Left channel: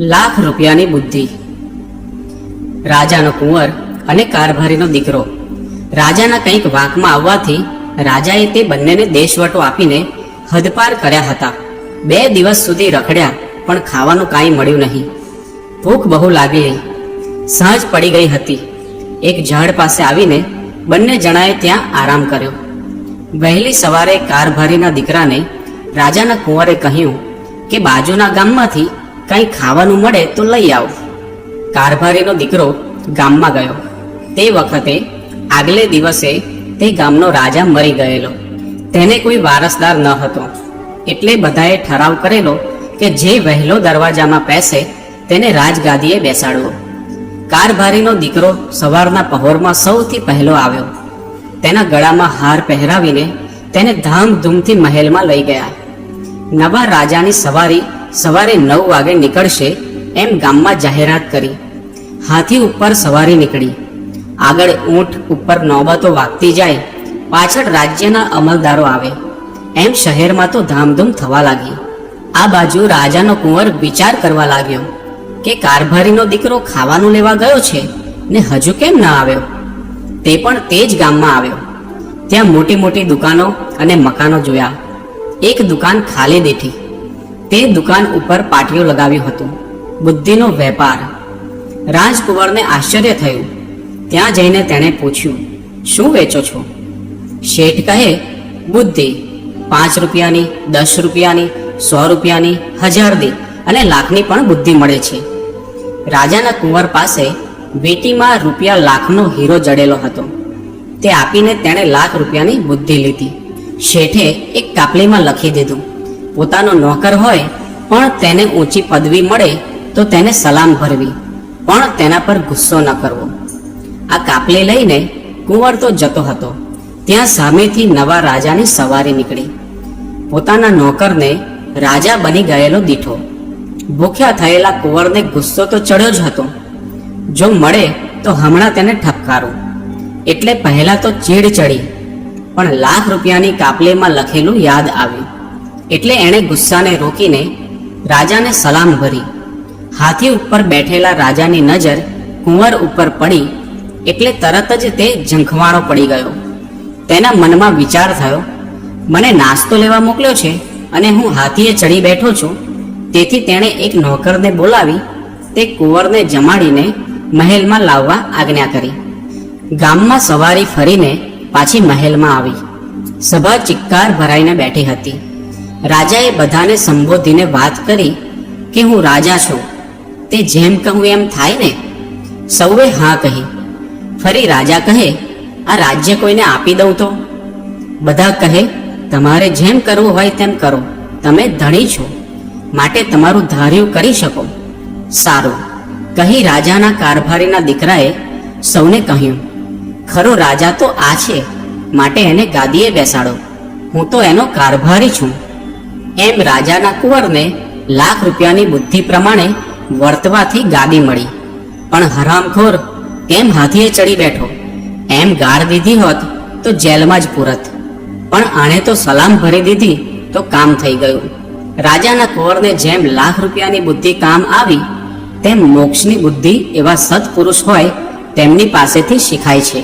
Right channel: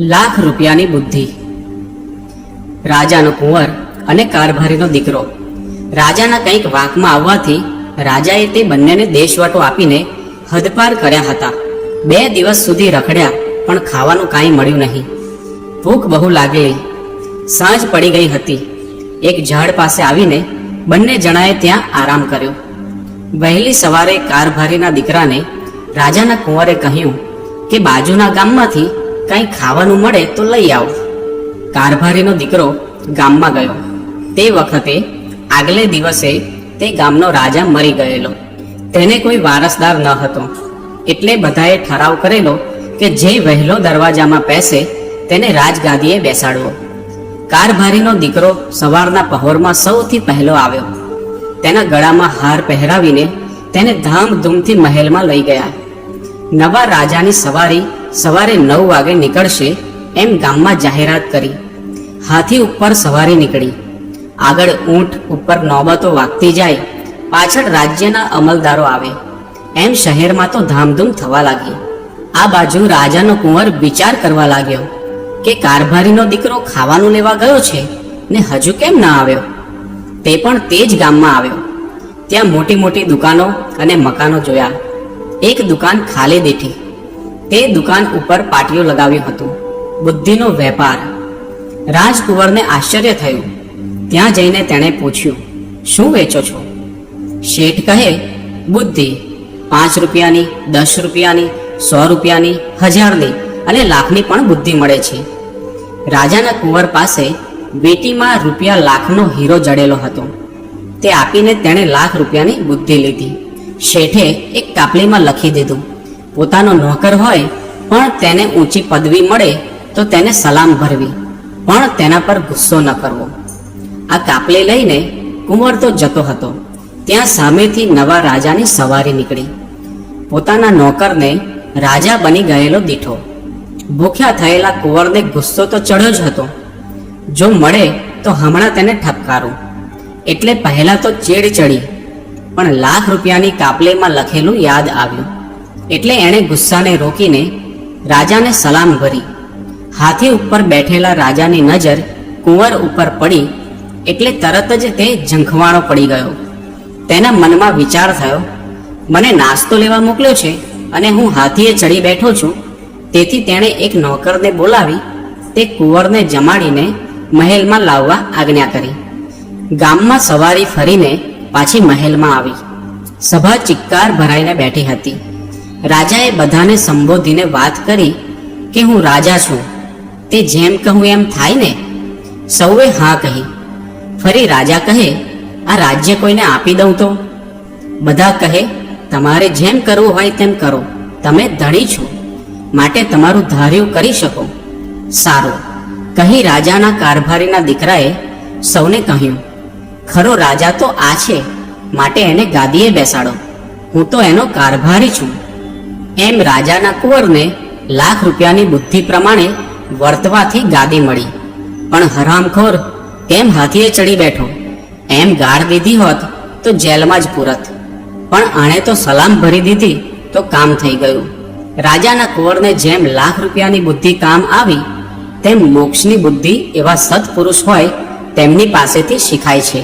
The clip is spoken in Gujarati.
લાખ રૂપિયાની બુદ્ધિ. રાજાનો કુંવર અને કારભારીનો દીકરો. રાજાના કંઈક વાંકમાં આવવાથી રાજાએ તે બંનેને દેશવટો આપીને હદપાર કર્યા હતા. 2 દિવસ સુધી રખડ્યા પણ ખાવાનું કાંઈ મળ્યું નહીં. ભૂખ બહુ લાગેલી. સાંજ પડી ગઈ હતી. એક ઝાડ પાસે આવીને બંને જણાએ ત્યાં આરામ કર્યો. વહેલી સવારે કારભારીના દીકરાને રાજાના કુંવરે કહ્યું કે બાજુના ગામમાંથી કંઈ ખાવાનું મળે તો લઈ આવો. કારભારીનો દીકરો ગામમાં ગયો. તે વખતે આગલે દિવસે તે ગામનો રાજા મરી ગયેલો. તેને કોઈ વારસદાર ન હતો. એટલે બધાએ ઠરાવ કરેલો કે જે વહેલો દરવાજામાં બેસે તેને રાજગાદીએ બેસાડવો. કારભારીનો દીકરો સવારના પહોરમાં સૌથી પહેલો આવ્યો. તેના ગળામાં હાર પહેરાવીને તેને ધામધૂમથી મહેલમાં લઈ ગયા. નવા રાજાની સવારી સવારે 9 વાગે નીકળશે એમ ગામમાં જાહેરાત કરી. હાથી ઉપર સવારી નીકળી. આગળ ઊંટ ઉપર નોબતો વાગતી જાય, પાછળ રાજ્યના અમલદારો આવે. એમ શહેરમાં તો ધામધૂમ થવા લાગી. આ બાજુ રાજાનો કુંવર વિચાર કરવા લાગ્યો કે કારભારીનો દીકરો ખાવાનું લેવા ગયો છે ને હજુ કેમ ના આવ્યો. તે પણ તે જ ગામમાં આવ્યો. ત્યાં મોટી મોટી દુકાનો અને મકાનો જોયા. એક દુકાન ખાલી દેખી. તે દુકાન ઉપર પાટિયું લગાવ્યું હતું, બુદ્ધિનો વેપાર. રાજકુંવરને આશ્ચર્ય થયું. ત્યાં જઈને તેણે પૂછ્યું, શું વેચો છો? શેઠ કહે, બુદ્ધિ. 5 રૂપિયાની, 10 રૂપિયાની, 100 રૂપિયાની, 1000ની અને લાખની પણ બુદ્ધિ મળે છે. રાજાના કુંવર પાસે વીંટીમાં રૂપિયા લાખનો હીરો જડેલો હતો. તે આપીને તેણે લાખ રૂપિયાની બુદ્ધિ લીધી. શેઠે એક કાપલીમાં લખી દીધું, પોતાનો નોકર હોય પણ તેને ઊંચી પદવી મળે તો તેને સલામ ભરવી, પણ તેના પર ગુસ્સો ન કરવો. આ કાપલી લઈને કુંવર તો જતો હતો. ત્યાં સામેથી નવા રાજાની સવારી નીકળી. પોતાના નોકરને રાજા બની ગયેલો દીઠો. ભૂખ્યા થયેલા કુંવરને ગુસ્સો તો ચડ્યો જ હતો. જો મળે તો હમણાં તેને ઠપકારું. એટલે પહેલા તો ચીડ ચડી, પણ લાખ રૂપિયાની કાપલીમાં લખેલું યાદ આવ્યું. એટલે એણે ગુસ્સાને રોકીને રાજાને સલામ ભરી. હાથી ઉપર બેઠેલા રાજાની નજર કુંવર ઉપર પડી એટલે તરત જ તે ઝંખવાણો પડી ગયો. તેના મનમાં વિચાર થયો, મને નાસ્તો લેવા મોકલ્યો છે અને હું હાથીએ ચડી બેઠો છું. તેથી તેણે એક નોકરને બોલાવી તે કુંવરને જમાડીને મહેલમાં લાવવા આજ્ઞા કરી. ગામમાં સવારી ફરીને પાછી મહેલમાં આવી. સભા ચિક્કાર ભરાઈને બેઠી હતી. રાજાએ બધાને સંબોધીને વાત કરી કે હું રાજા છું, તે જેમ કહું એમ થાય ને? સૌએ હા કહી. ફરી રાજા કહે, આ રાજ્ય કોઈને આપી દઉં તો? બધા કહે, તમારે જેમ કરવું હોય તેમ કરો, તમે ધણી છો, માટે તમારું ધાર્યું કરી શકો. સારું કહી રાજાના કારભારીના દીકરાએ સૌને કહ્યું, ખરો રાજા તો આ છે, માટે એને ગાદીએ બેસાડો, હું તો એનો કારભારી છું. એમ રાજાના કુંવરને લાખ રૂપિયાની બુદ્ધિ પ્રમાણે વર્તવાથી ગાદી મળી. પણ હરામખોર કેમ હાથીએ ચડી બેઠો? એમ ગાળ દીધી હોત તો જેલમાં જ પૂરત. પણ આણે તો સલામ ભરી દીધી તો કામ થઈ ગયું. રાજાના કુંવરને જેમ લાખ રૂપિયાની બુદ્ધિ કામ આવી, તેમ મોક્ષની બુદ્ધિ એવા સત્પુરુષ હોય તેમની પાસેથી શીખાય છે.